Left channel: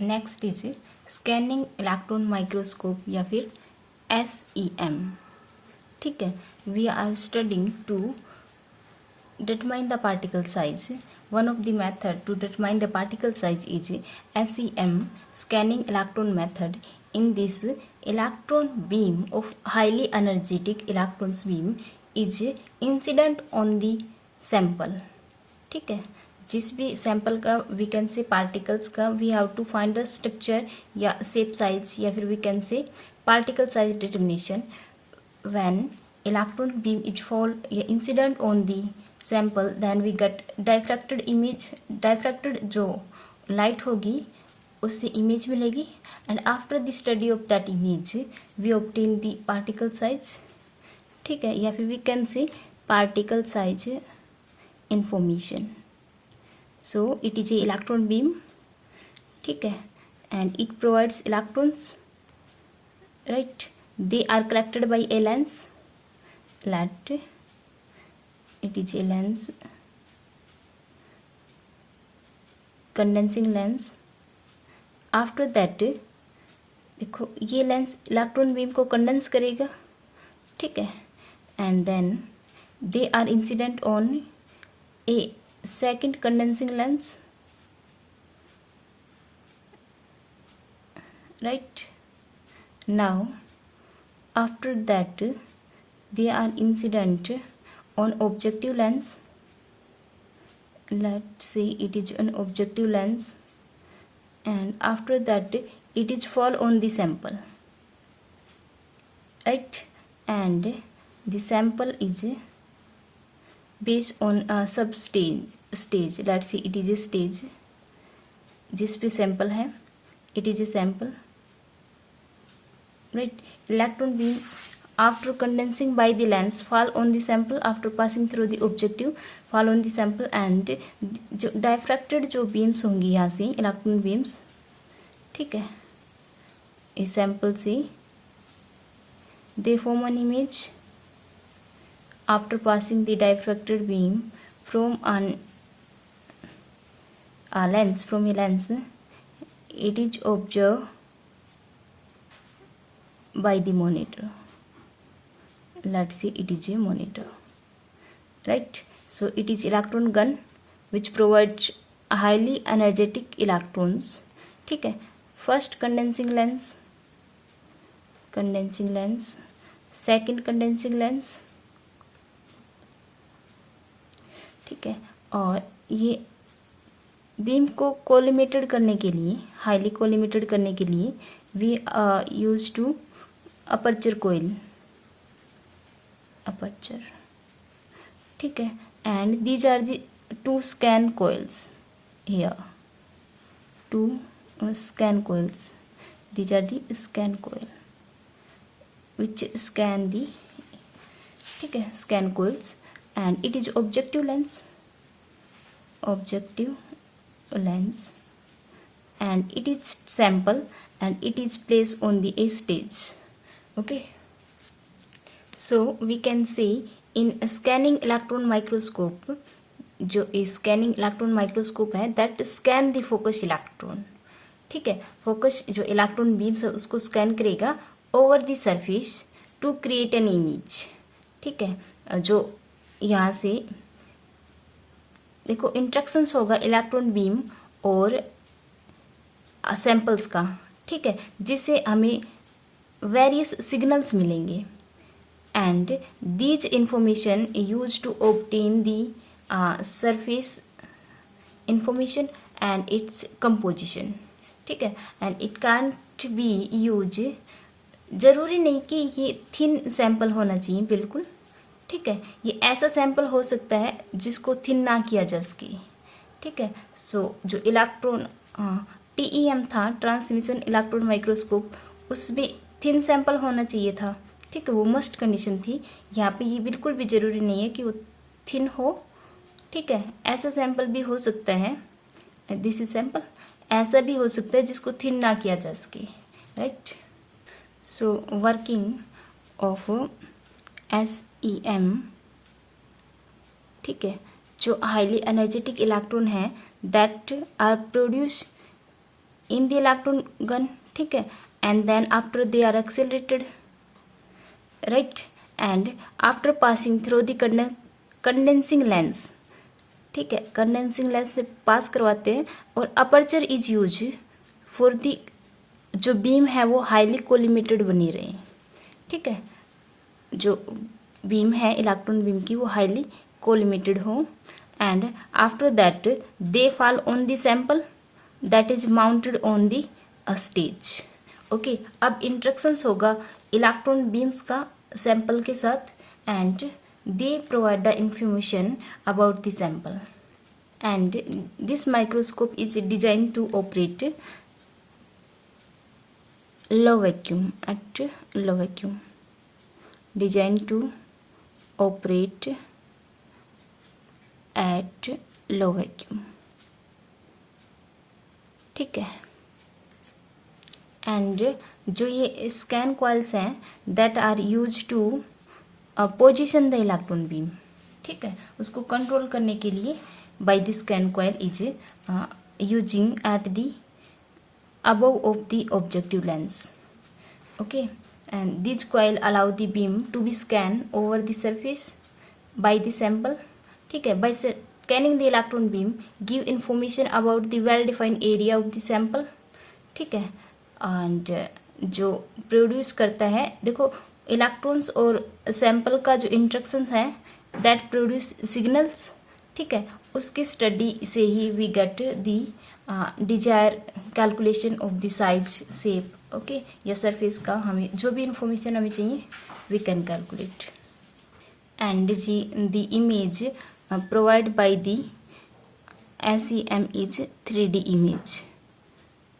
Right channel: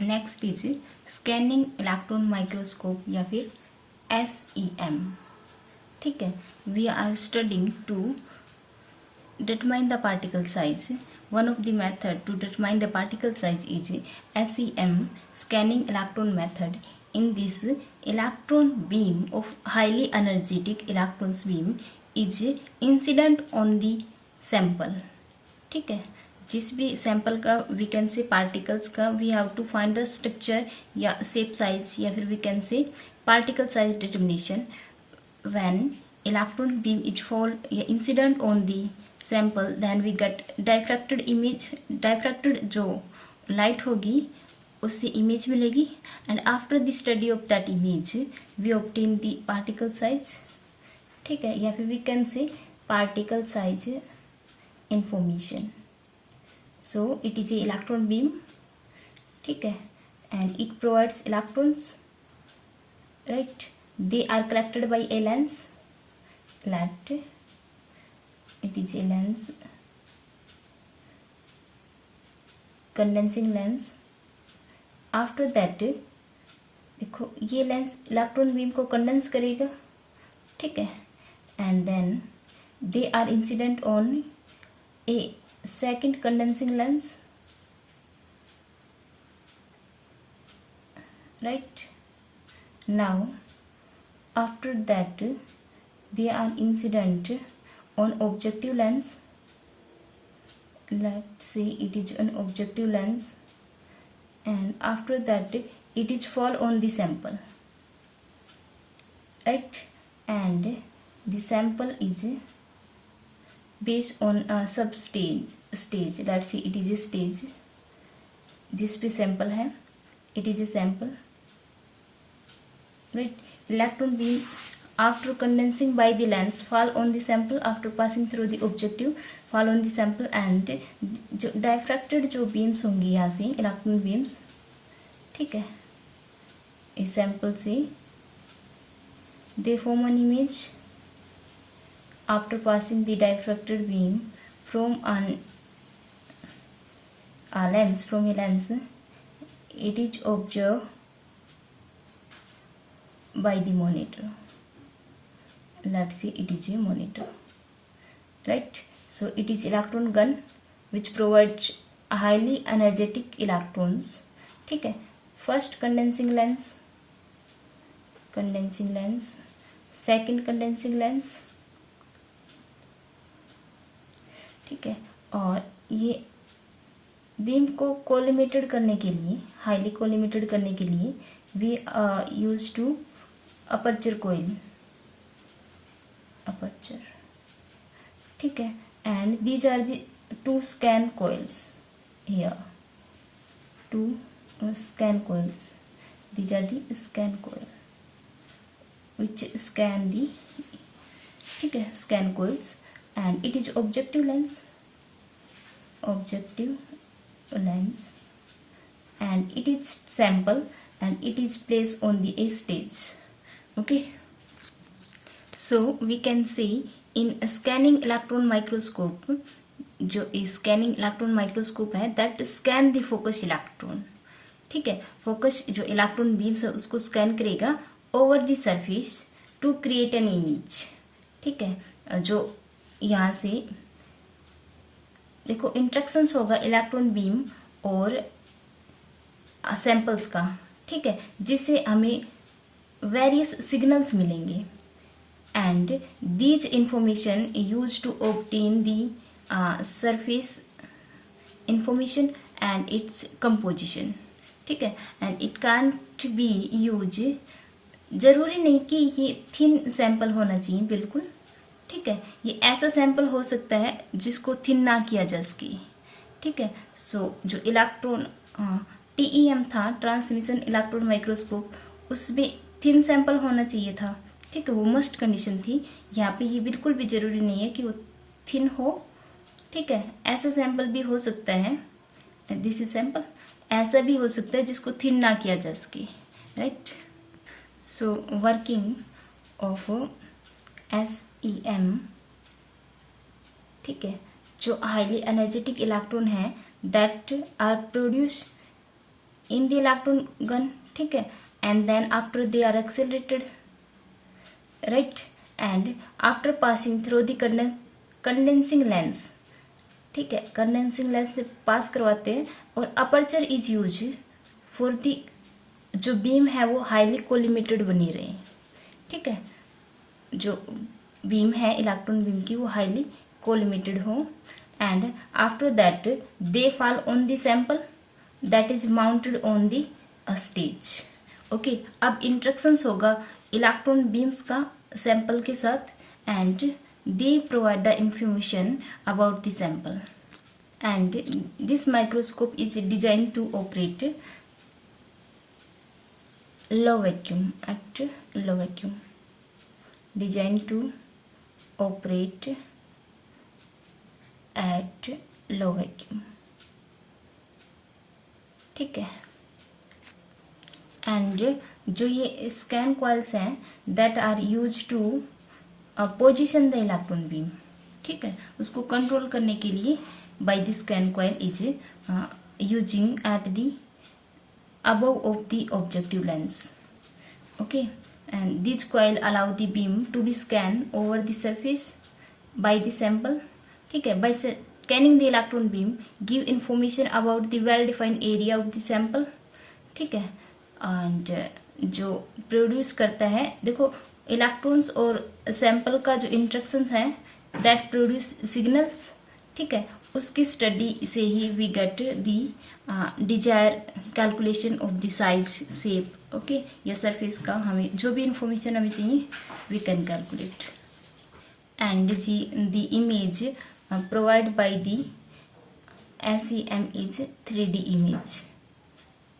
Next is scanning electron microscope या फिर SEM. ठीक है, we are studying to determine the particle size. One of the method to determine the particle size is SEM, scanning electron method. In this, electron beam of highly energetic electrons beam is incident on the sample. ठीक है, जिस भी sample का we can say particles का we have to find the structure या shape size या फिर we can say particle size determination when electron beam is fall या incident on the sample then we get diffracted image. Diffracted जो light होगी उससे image मिलेगी and after the study of that image we obtain the particle size. ठीक है, या फिर we can say particle size information. So it is a electron beam. ठीक है, and it provides electrons, right? They are collected by a lens. Let it is a lens, condensing lens. After that देखो ये lens electron beam को condense करेगा. ठीक है, and then they are incident on a second condensing lens, right? Now after that they are incident on objective lens. Let's say it is an objective lens, and after that it is fall on the sample, right? And the sample is based on a sub stage. Let's see, it is a stage जिस पे sample है, it is a sample, right? Electron beam after condensing by the lens fall on the sample after passing through the objective fall on the sample and जो diffracted जो beams होंगी यहाँ से electron beams, ठीक है, इस sample से they form an image after passing the diffracted beam from a lens. It is observed by the monitor. Let's say it is a monitor, right? So it is electron gun which provides highly energetic electrons. ठीक है, first condensing lens, second condensing lens. ठीक है, और ये beam को collimated करने के लिए, हाईली कोलिमेटेड करने के लिए we use two aperture coil, aperture. ठीक है, and these are the two scan coils here, two scan coils. These are the scan coil which scan the, ठीक है, scan coils. And it is objective lens, and it is sample and it is placed on the A stage. Okay, so we can say in a scanning electron microscope, जो scanning electron microscope है that scan the focus electron. ठीक है, focus जो electron beams है उसको scan करेगा over the surface to create an image. ठीक है, जो यहाँ से देखो इंट्रैक्शंस होगा इलेक्ट्रॉन बीम और सैंपल्स का. ठीक है, जिससे हमें वेरियस सिग्नल्स मिलेंगे and these information use to obtain the surface information and its composition. ठीक है, and it can't be use, जरूरी नहीं कि ये थिन सैंपल होना चाहिए बिल्कुल. ठीक है, ये ऐसा सैंपल हो सकता है जिसको थिन ना किया जा सके. ठीक है, सो जो इलेक्ट्रॉन TEM था, ट्रांसमिशन इलेक्ट्रॉन माइक्रोस्कोप, उसमें थिन सैंपल होना चाहिए था. ठीक है, वो मस्ट कंडीशन थी. यहाँ पे ये बिल्कुल भी जरूरी नहीं है कि वो थिन हो. ठीक है, ऐसा सैंपल भी हो सकता है, दिस इज सैंपल, ऐसा भी हो सकता है जिसको थिन ना किया जा सके, right? So working of SEM. ठीक है, जो हाईली एनर्जेटिक इलेक्ट्रॉन है that are produce in the electron gun, ठीक है, and then after they are accelerated, right, and after passing through the condensing lens, ठीक है, कंडेंसिंग लेंस से पास करवाते हैं, और aperture is use for the, जो बीम है वो हाईली कोलिमेटेड बनी रहे, ठीक है, जो बीम है इलेक्ट्रॉन बीम की वो हाईली कोलिमेटेड हो, and after that they fall on the sample that is mounted on the stage. Okay, अब इंस्ट्रक्शंस होगा इलेक्ट्रॉन बीम्स का सैंपल के साथ, and they provide the information about the sample, and this microscope is designed to operate low vacuum, at low vacuum, designed to operate at low vacuum, ठीक है, and जो ये scan coils हैं that are used to position the electron beam, ठीक है, उसको control करने के लिए by the scan coil is using at the above of the objective lens. Okay, and this coil allow the beam to be scan over the surface by the sample, ठीक है, by scanning the electron beam give information about the well defined area of the sample, ठीक है, and जो produce करता है, देखो electrons और sample का जो इंट्रैक्शंस है दैट प्रोड्यूस सिग्नल्स, ठीक है, उसकी स्टडी से ही we get the desire calculation of the size shape, okay, या सरफेस का हमें जो भी इंफॉर्मेशन हमें चाहिए we can calculate, and the image provide by the SEM is 3D image,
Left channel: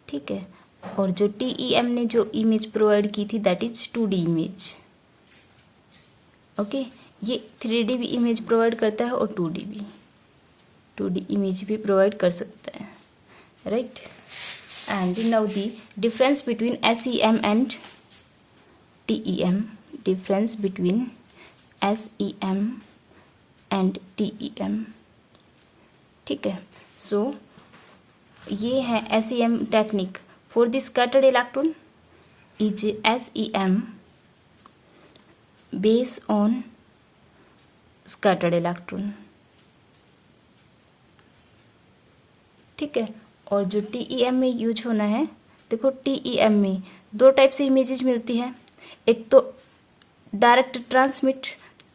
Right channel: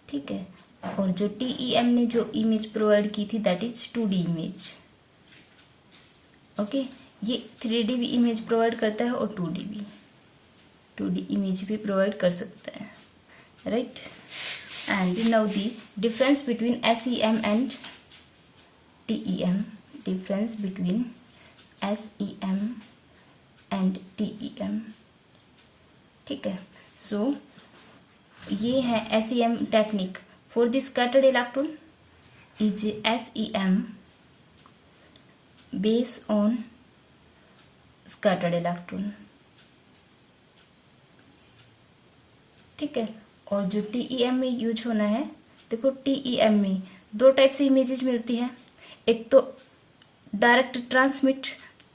ठीक है, और जो TEM ने जो इमेज प्रोवाइड की थी that is 2D image. Okay, ये 3D भी इमेज प्रोवाइड करता है और 2D इमेज भी प्रोवाइड कर सकता है, right, and now the difference between SEM and TEM, difference between SEM and TEM, ठीक है, सो ये है SEM technique for the scattered electron is SEM based on scattered electron, ठीक है, और जो TEM में यूज होना है, देखो TEM में दो टाइप से इमेजेस मिलती है, एक तो डायरेक्ट ट्रांसमिट,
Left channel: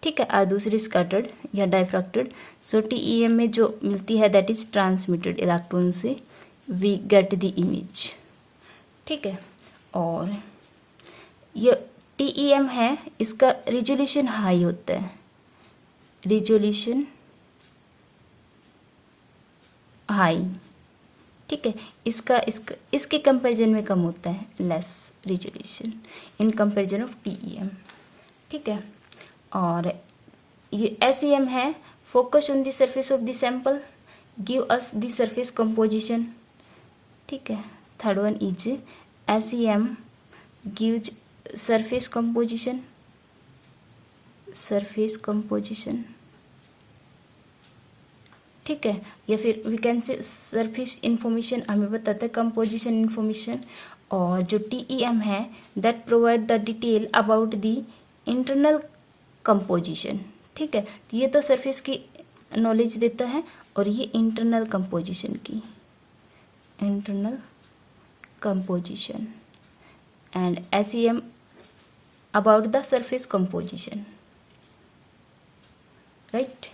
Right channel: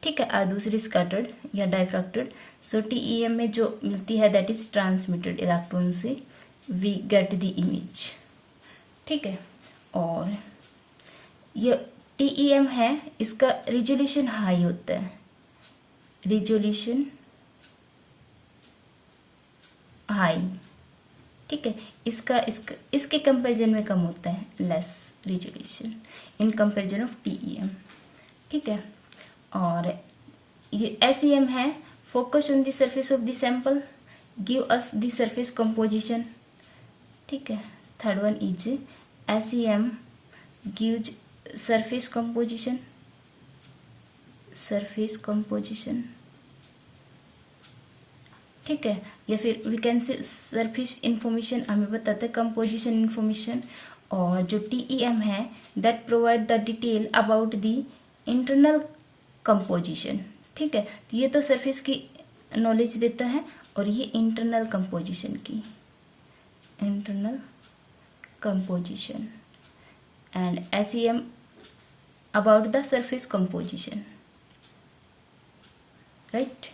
ठीक है, और दूसरी स्कैटर्ड या डाइफ्रैक्टेड। सो TEM में जो मिलती है दैट इज ट्रांसमिटेड इलेक्ट्रॉन से वी गेट द इमेज, ठीक है, और ये TEM है, इसका रिजोल्यूशन हाई होता है, रिजोल्यूशन हाई, ठीक है, इसके कंपैरिजन में कम होता है, less resolution in comparison of TEM, ठीक है, और ये SEM है focus on the surface of the sample give us the surface composition, ठीक है, third one is SEM gives surface composition, ठीक है, या फिर we can say surface information हमें बताता है कंपोजिशन इंफॉर्मेशन, और जो TEM है that provide the detail about the internal composition, ठीक है, तो ये तो सरफेस की नॉलेज देता है, और ये इंटरनल कंपोजिशन की, internal composition, and SEM about the surface composition, right,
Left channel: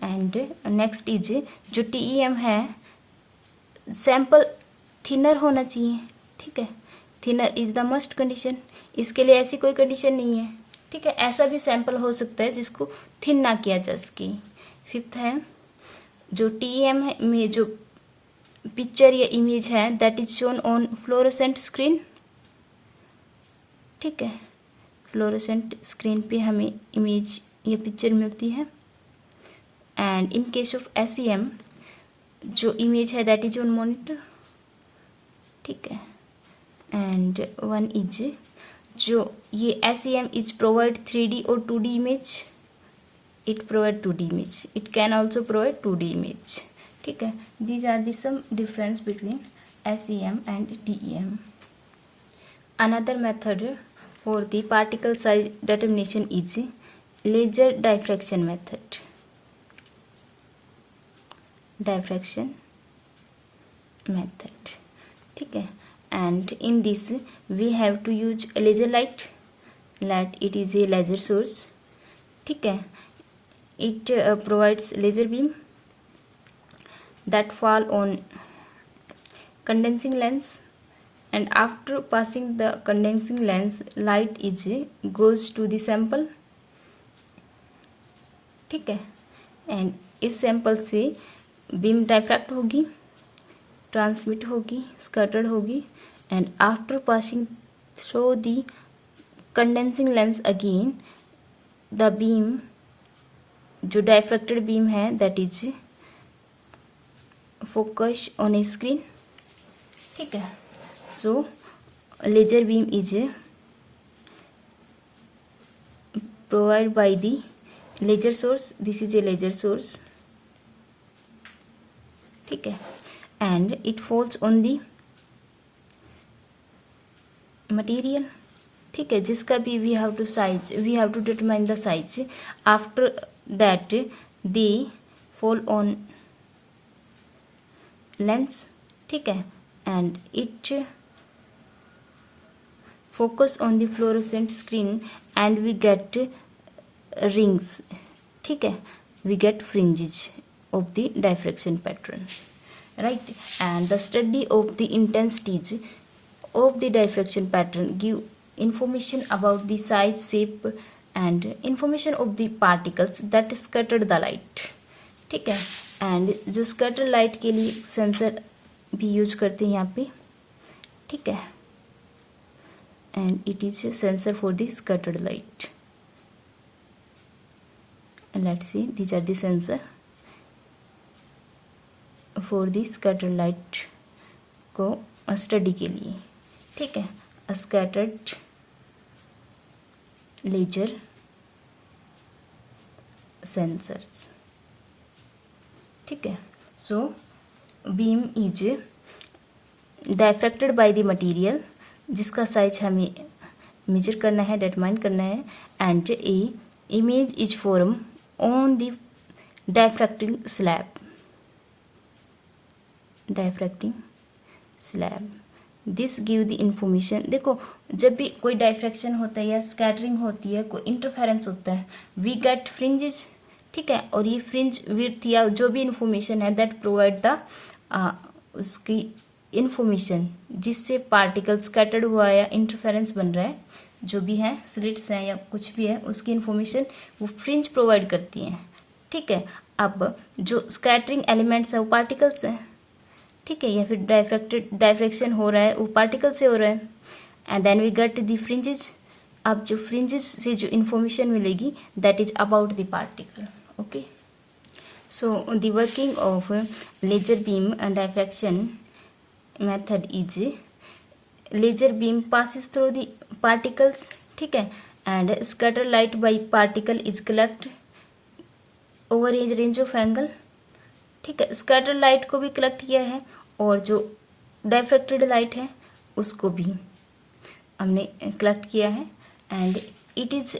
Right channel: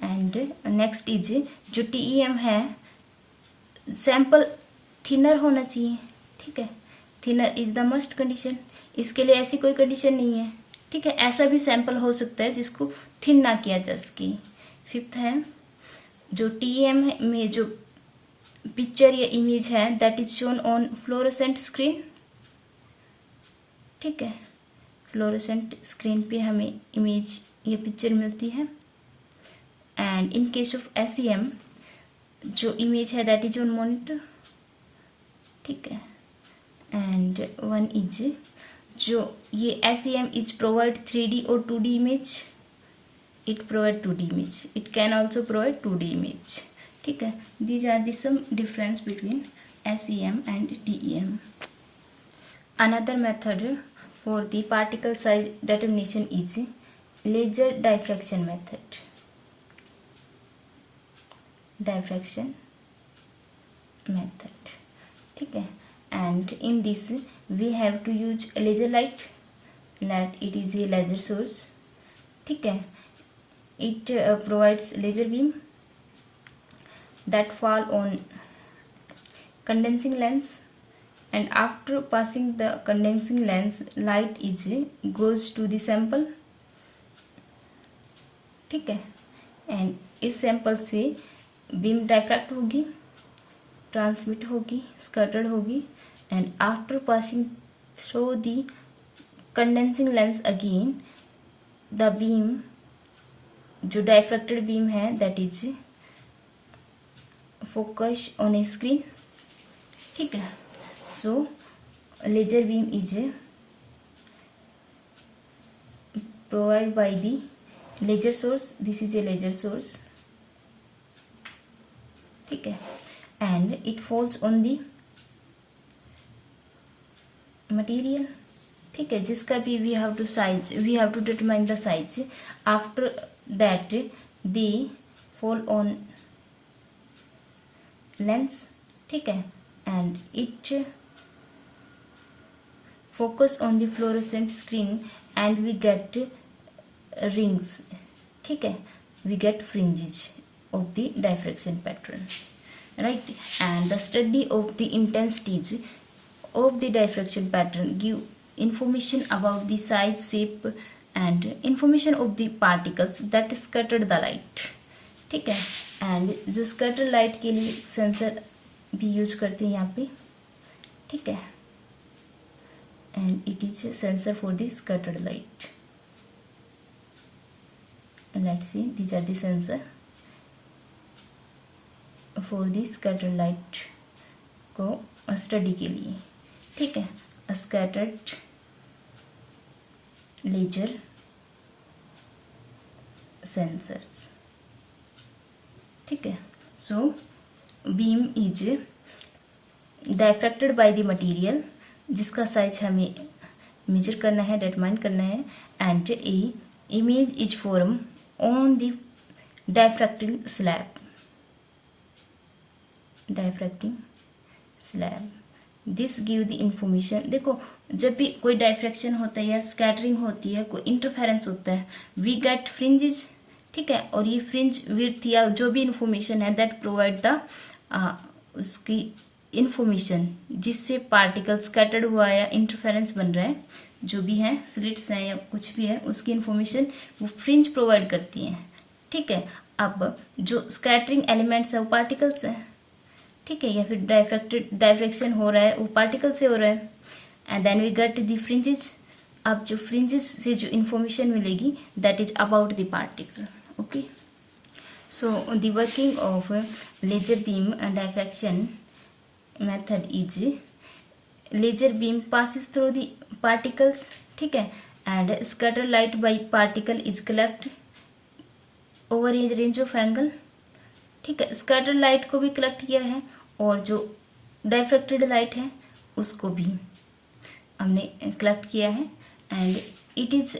and next is जो TEM है सैंपल थिनर होना चाहिए, ठीक है, thinner is the must condition, इसके लिए ऐसी कोई कंडीशन नहीं है, ठीक है, ऐसा भी सैंपल हो सकता है जिसको थिन ना किया जा सके। फिफ्थ है जो TEM में जो पिक्चर या इमेज है that is shown on fluorescent screen, ठीक है, फ्लोरोसेंट स्क्रीन पे हमें इमेज या पिक्चर मिलती है, and in case of SEM जो इमेज है दैट इज ऑन मॉनिटर, ठीक है, एंड वन इज जो ये SEM इज प्रोवाइड 3D और 2D image, it provide 2D image, it can also provide 2D image, ठीक है, these are the some difference between SEM and TEM. Another method for the particle size determination is laser diffraction method. Diffraction method, ठीक है. And in this we have to use laser light. It is a laser source, ठीक है. It provides laser beam that fall on condensing lens, and after passing the condensing lens light is goes to the sample, ठीक है. And इस sample से beam diffract होगी, transmit होगी, scattered होगी, and after passing through the condensing lens again the beam, जो diffracted beam है that is focus on a screen, ठीक है. So laser beam is provide by the laser source. This is a laser source, ठीक है. And it falls on the material, ठीक है, जिसका भी we have to determine the size. After that they fall on lens, ठीक है, and it focus on the fluorescent screen and we get rings, ठीक है, we get fringes of the diffraction pattern, right. And the study of the intensities of the diffraction pattern give information about the size, shape and information of the particles that scattered the light, ठीक है. And जो scatter light के लिए sensor भी use करते हैं यहाँ पे, ठीक है. And it is sensor for the scattered light. Let's see, these are the sensor for the scattered light को स्टडी के लिए, ठीक है. स्कैटर्ड लेजर सेंसर्स, ठीक है. So beam is diffracted by the material, जिसका साइज हमें मेजर करना है, डिटरमाइन करना है. And a image is form on the diffracting slab. This give the information. देखो, जब भी कोई डायफ्रैक्शन होता है या स्कैटरिंग होती है, कोई इंटरफेरेंस होता है, वी गेट फ्रिंजेस, ठीक है. और ये फ्रिंज विड्थ या जो भी इंफॉर्मेशन है दैट प्रोवाइड द उसकी इंफॉर्मेशन जिससे पार्टिकल स्कैटर्ड हुआ है या इंटरफेरेंस बन रहा है, जो भी है स्लिट्स हैं या कुछ भी है, उसकी इंफॉर्मेशन वो फ्रिंज प्रोवाइड करती हैं, ठीक है. अब जो स्कैटरिंग एलिमेंट्स है वो पार्टिकल्स हैं, ठीक है, या फिर डायफ्रैक्शन हो रहा है वो पार्टिकल से हो रहा है. And then we get the fringes. अब जो फ्रिंजेस से जो इंफॉर्मेशन मिलेगी that is about the particle, okay. So the working of laser beam and diffraction method is laser beam passes through the particles, ठीक है, and scatter light by particle is collect over a range of angle, ठीक है. Scatter light को भी collect किया है और जो डायफ्रैक्टेड लाइट है उसको भी हमने कलेक्ट किया है. एंड इट इज,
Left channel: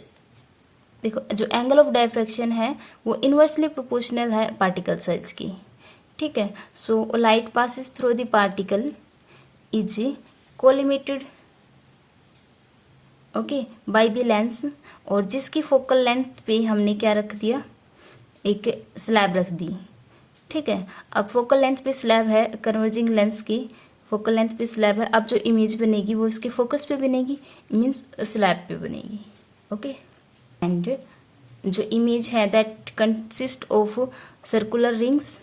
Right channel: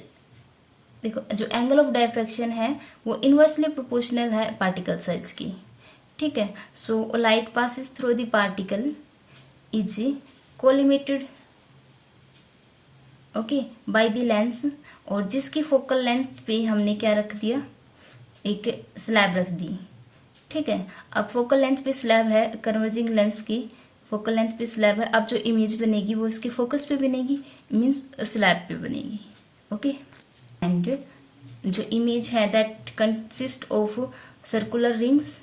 देखो, जो एंगल ऑफ डायफ्रैक्शन है वो इनवर्सली प्रोपोर्शनल है पार्टिकल साइज की, ठीक है. So light passes through the particle is collimated, okay, by the lens. और जिसकी फोकल लेंथ पे हमने क्या रख दिया, एक स्लैब रख दी, ठीक है. अब फोकल लेंथ पे स्लैब है, कन्वर्जिंग लेंस की फोकल लेंथ पे स्लैब है. अब जो इमेज बनेगी वो इसके फोकस पे बनेगी, मीन्स स्लैब पे बनेगी, ओके. एंड जो इमेज है that consist of circular rings,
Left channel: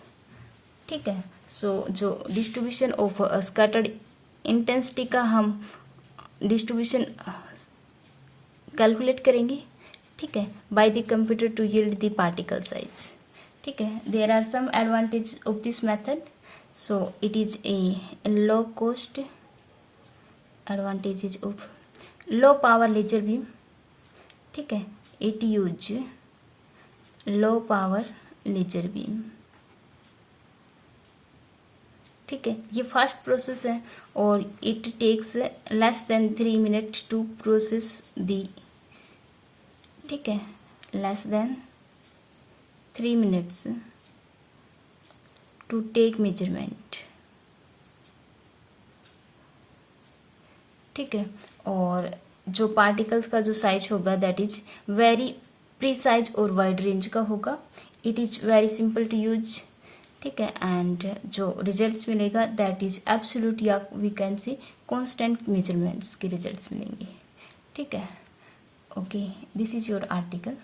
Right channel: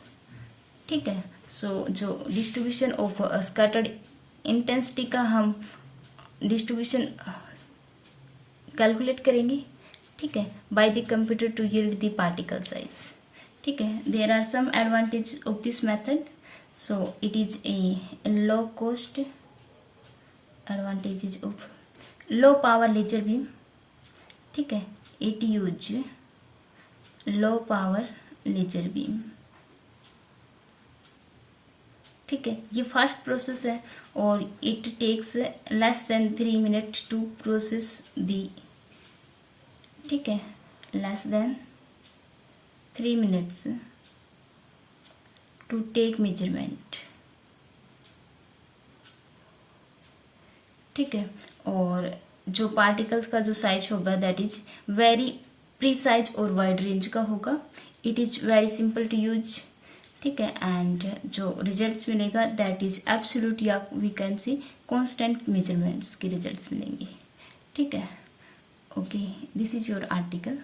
ठीक है. सो जो डिस्ट्रीब्यूशन ऑफ स्कैटर्ड इंटेंसिटी का हम डिस्ट्रीब्यूशन कैलकुलेट करेंगे, ठीक है, by the computer to yield the particle size, ठीक है. There are some advantage of this method. So it is a low cost, advantages of low power laser beam, ठीक है. It use low power laser beam ठीक है, ये first process है और it takes less than 3 minute to process the, ठीक है, less than 3 minutes to take measurement, ठीक है। और जो पार्टिकल्स का जो साइज होगा दैट इज वेरी प्रीसाइज और वाइड रेंज का होगा, it is very simple to use, ठीक है। एंड जो रिजल्ट्स मिलेगा दैट इज एब्सोल्यूट या we can see constant measurements के रिजल्ट्स मिलेंगे, ठीक है। Okay, this is your article.